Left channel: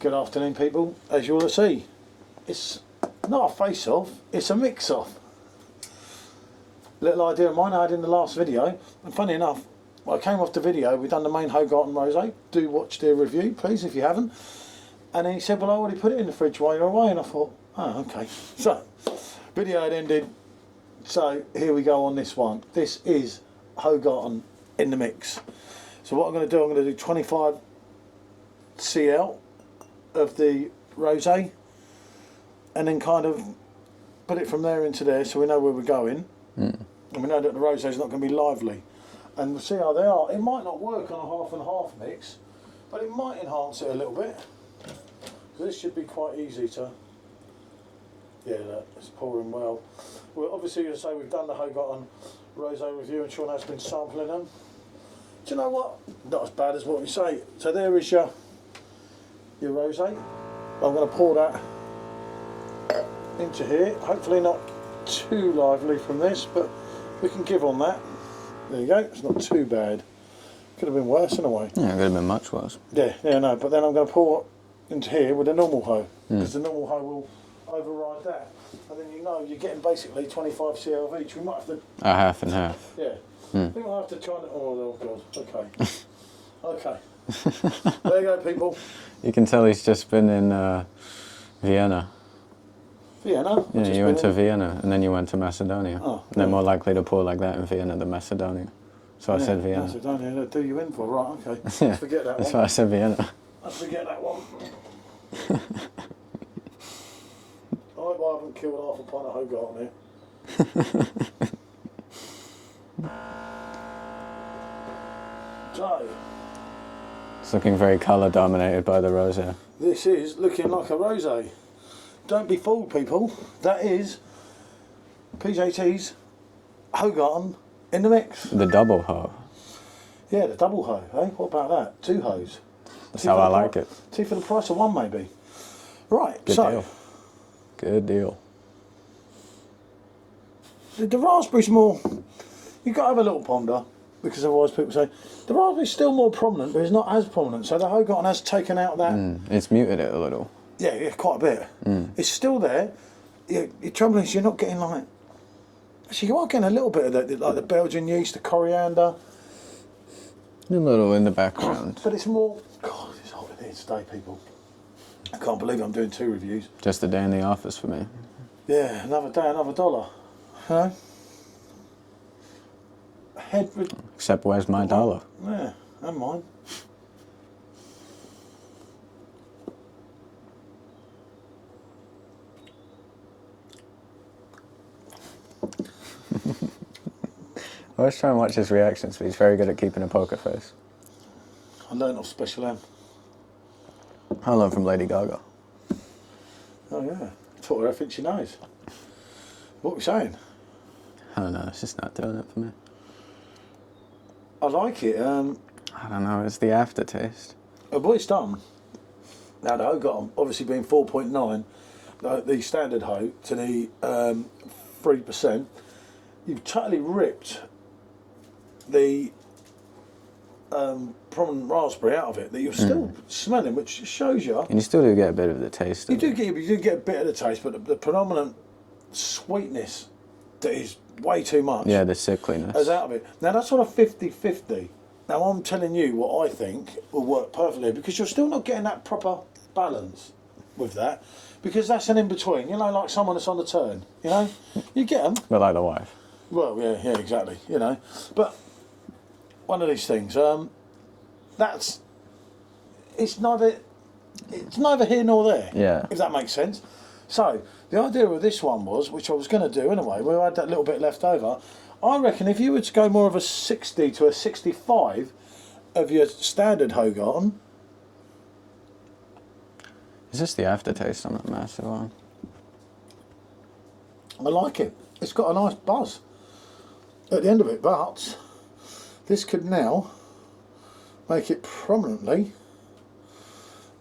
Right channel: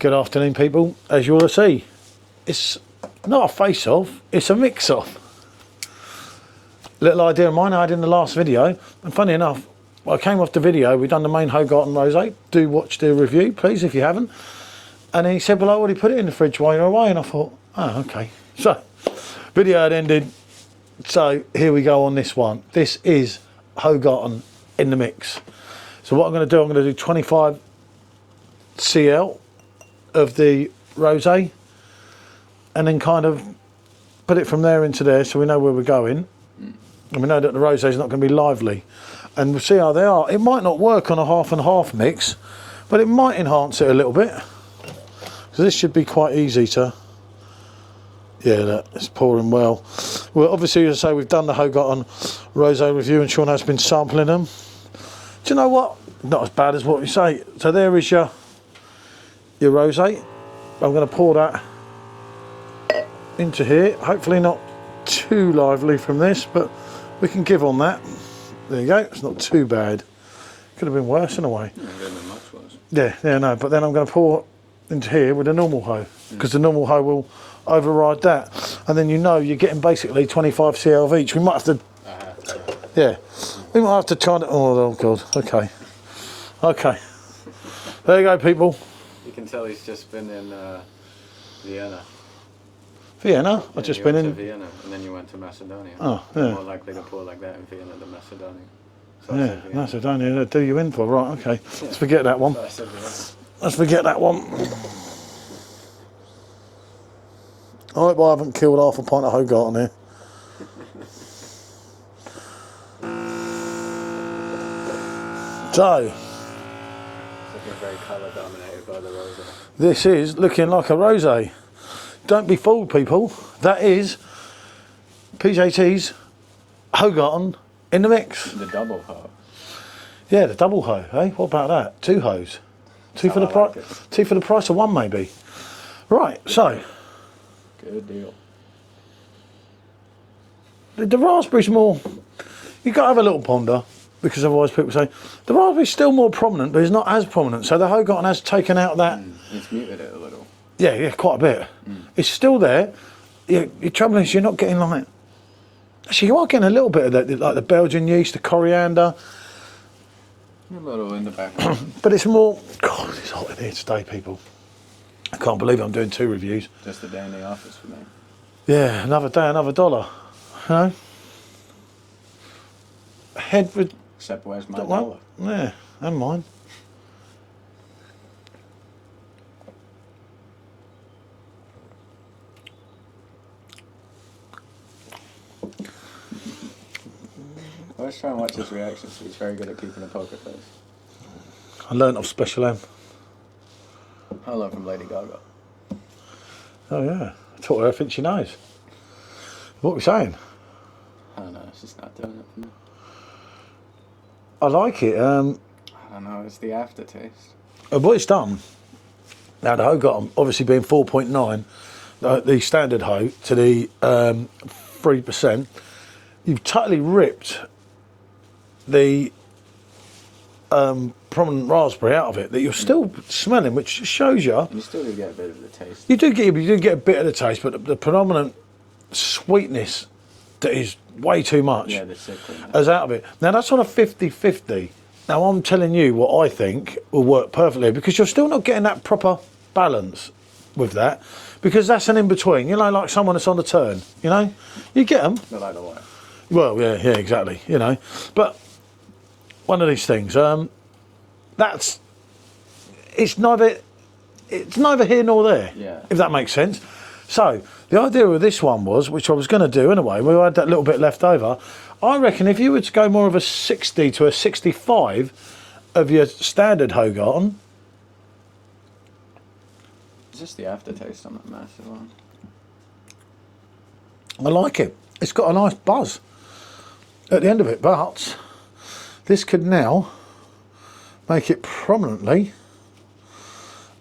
Good afternoon, people. As you all see, it's not a face-off, it's a mix-off. Little idea of mine I had in the last video, and funny enough, I came off the video, we've done the main Hoegaarden Rosé. Do watch the review, please, if you haven't. And then he said, well, I already put it in the fridge while you're away, and I thought, oh, okay. So, video had ended, so here we go on this one. This is Hoegaarden in the mix. So what I'm going to do, I'm going to do 25 CL of the rosé, and then kind of put it from there into there so we know where we're going. And we know that the rosé is not going to be lively, and we'll see how they are. It might not work on a half and half mix, but it might enhance it a little bit. So this should be quite easy to, yeah, look, it's pouring well. Well, obviously, as I say, we've done the Hoegaarden rosé review and Sean has been sampling them. Do you know what? Not as bad as what we say. So there is your rosé. I'm going to pour that into here. Hopefully not too lively from this, but we can give on that. There you go. It's not too bad. Could have been worse in a way. Yeah, it could have been much worse. Yeah, no. But then I'm going to pour into here with a normal hoe, because the normal hoe will override that, and then you know you're getting basically 25 CL of each. We might have to A half and half. Yeah, we might have to try it. Oh god. Okay. Okay. There you go, people. You can tell he's just been in Vienna. Vienna? Yeah, you went to Vienna and then you went to Macedonia. Oh, They're yeah. more likely to pour like that in Vienna than Macedonia. So I said Vienna. Macedonia, they do you in for, right, okay. Yeah, Let's forget that one. That's why I said Vienna. Let's forget that one. I hope I haven't killed half a pint of Hoegaarden here. So, It's looking very colour dominated by the rosé. this is looking like a rosé. Don't be fooled, people. That is PJT's Hoegaarden in the mix. The double hoe. Yeah, the double hoe, eh? What about that? Two hoes. Two how for the I like it. Two for the price of one, maybe. Right, Good so deal. Good deal. the raspberry's more. You've got to have a little ponder, because otherwise people say the raspberry's still more prominent, but it's not as prominent. So the Hoegaarden has taken out that. It's muted it a little. Yeah, quite a bit. It's still there. Your trouble is you're not getting like. Actually, you are getting a little bit of that, like the Belgian yeast, the coriander. A little in the background. But it's more. God, it's hot in here today, people. I can't believe I'm doing 2 reviews. Just a day in the office for me. Yeah, another day, another dollar. You know? Head with. Except where's my dollar? Yeah, and mine. I always try and watch his reactions, but he's very good at keeping a poker face. I learnt off Special M. I learned from Lady Gaga. Oh yeah, I taught her everything she knows. What are we saying? I don't know, it's just not doing it for me. I like it. I don't know, it's the aftertaste. What it's done, now the Hoegaarden obviously being 4.9, the standard hoe to the 3%, you've totally ripped the prominent raspberry out of it that you're still smelling, which shows you. And you still do get a bit of the taste. You do get a bit of the taste, but the predominant sweetness that is way too much. Yeah, the sickliness. Is out of it. Now that's on a 50-50. Now I'm telling you what I think will work perfectly, because you're still not getting that proper balance with that, because that's an in-between. You know, like someone that's on the turn, you know? You get them. But like the wife. Well, yeah, exactly, you know. But one of these things, it's neither here nor there, Yeah. if that makes sense. So the idea of this one was, which I was going to do anyway, we had that little bit left over. I reckon if you were to go more of a 60 to a 65 of your standard Hoegaarden. Is this the aftertaste on that massive one? I like it. It's got a nice buzz at the end of it, but this could now make it prominently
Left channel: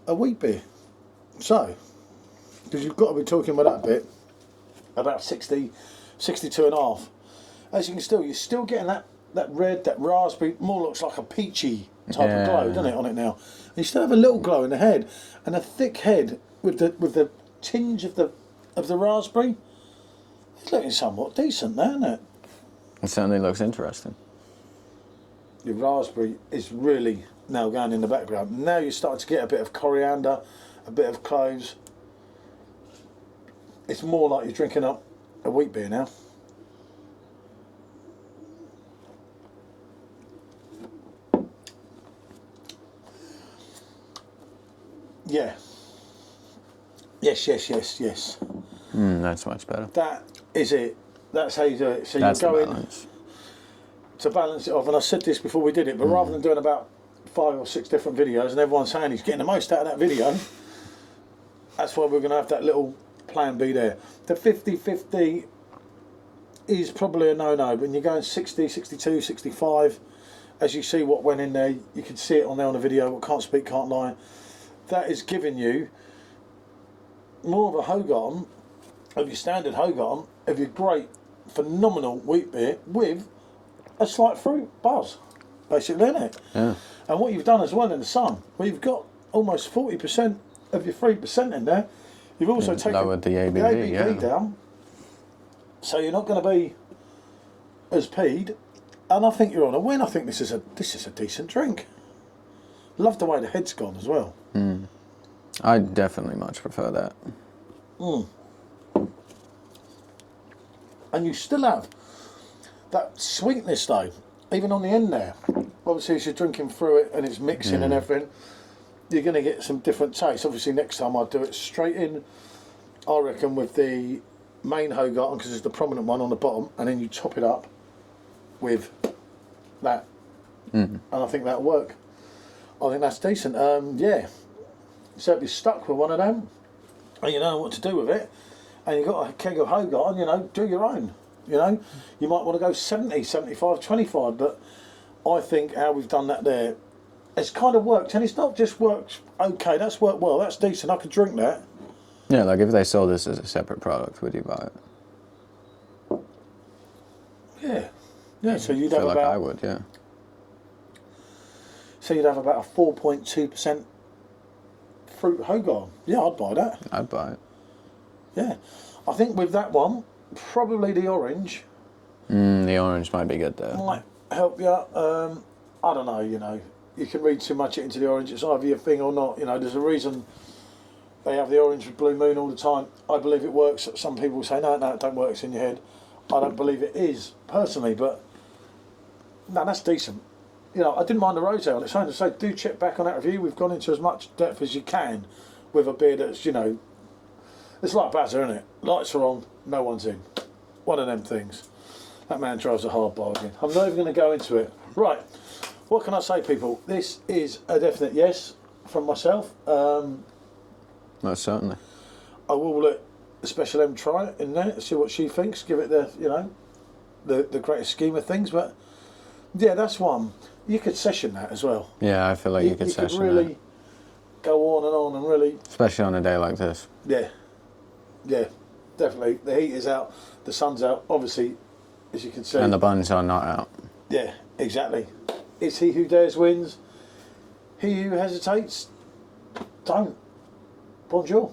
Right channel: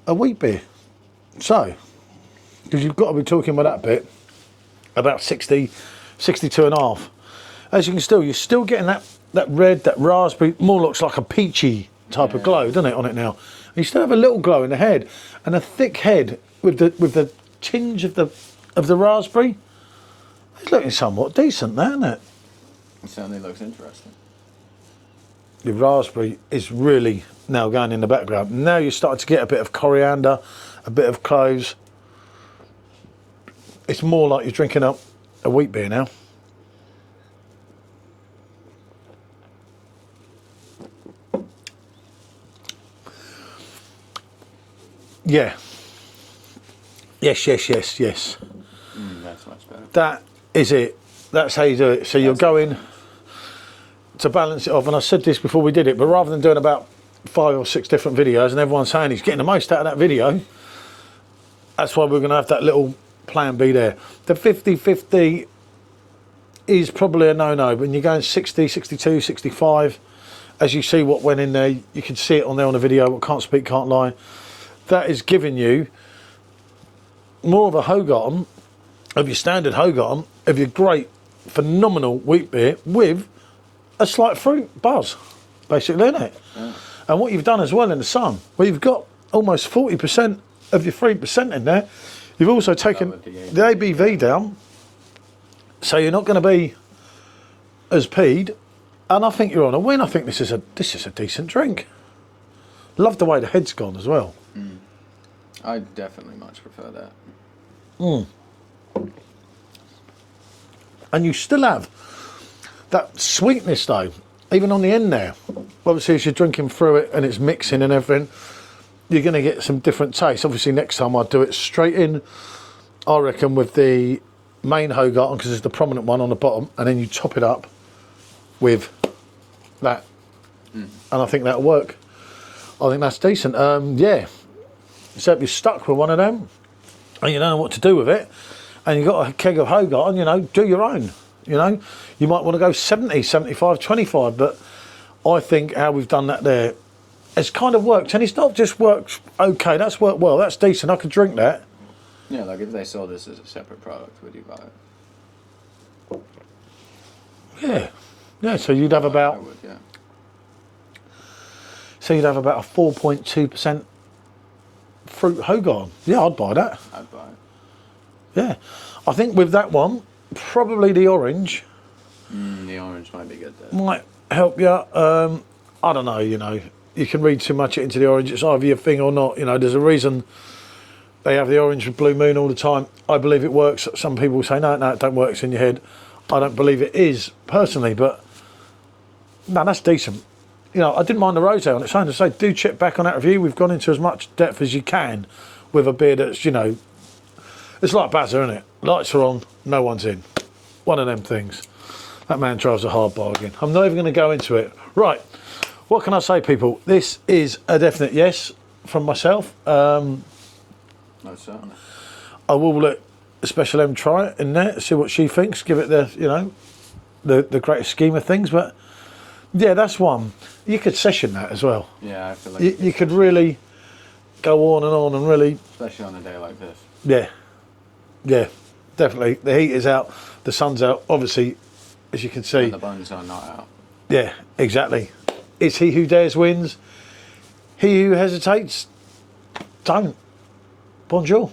a wheat beer. So, because you've got to be talking about that bit, about 60, 62 and a half. As you can you're still getting that red, that raspberry, more looks like a peachy type of glow, doesn't it, on it now? You still have a little glow in the head, and a thick head with the tinge of the raspberry. It's looking somewhat decent, there, isn't it? It certainly looks interesting. The raspberry is really now going in the background. Now you're starting to get a bit of coriander, a bit of cloves. It's more like you're drinking up a wheat beer now. Yeah. Yes. That's much better. That is it. That's how you do it. So you're going to balance it off. And I said this before we did it, but rather than doing about 5 or 6 different videos and everyone saying he's getting the most out of that video, that's why we're going to have that little plan B there. The 50-50 is probably a no-no. When you're going 60, 62, 65, as you see what went in there, you can see it on there on the video. What can't speak, can't lie. That is giving you more of a Hoegaarden, of your standard Hoegaarden, of your great, phenomenal wheat beer with a slight fruit buzz, basically, isn't it? Yeah. And what you've done as well in the sun, where you've got almost 40% of your 3% in there, you've also taken the ABV down, so you're not going to be as peed. And I think you're on a win. I think this is a decent drink. Love the way the head's gone as well. I definitely much prefer that. And you still have that sweetness though, even on the end there. Obviously, as you're drinking through it and it's mixing and everything, you're going to get some different tastes. Obviously, next time I'll do it straight in, I reckon, with the main Hoegaarden, because there's the prominent one on the bottom, and then you top it up with that. And I think that'll work. I think that's decent. Yeah. So if you're stuck with one of them and you don't know what to do with it, and you've got a keg of Hoegaarden, you know, do your own. You know, you might want to go 70, 75, 25, but I think how we've done that there, it's kind of worked. And it's not just worked okay, that's worked well, that's decent, I could drink that. Yeah, like if they sold this as a separate product, would you buy it? Yeah. Yeah, so you'd have Like about... I would, yeah. So you'd have about a 4.2% fruit Hoegaarden. Yeah, I'd buy that. I'd buy it. Yeah. I think with that one, probably the orange The orange might be good there. might help you. I don't know, you know. You can read too much into the orange. It's either your thing or not. You know, there's a reason they have the orange with Blue Moon all the time. I believe it works. Some people say, no, it don't work. It's in your head. I don't believe it is, personally, but no, that's decent. You know, I didn't mind the rosé on it. So to say, do check back on that review. We've gone into as much depth as you can with a beer that's, you know, it's like Bazza, isn't it? Lights are on, no one's in. One of them things. That man drives a hard bargain. I'm not even going to go into it. Right, what can I say, people? This is a definite yes from myself. Most certainly. I will let Special M try it in there, see what she thinks, give it the, you know, the greatest scheme of things. But yeah, that's one. You could session that as well. Yeah, I feel like You could really go on and really... Especially on a day like this. Yeah, yeah, definitely. The heat is out, the sun's out, obviously, as you can see. And the buns are not out. Yeah, exactly. It's he who dares wins. He who hesitates, don't. Bonjour.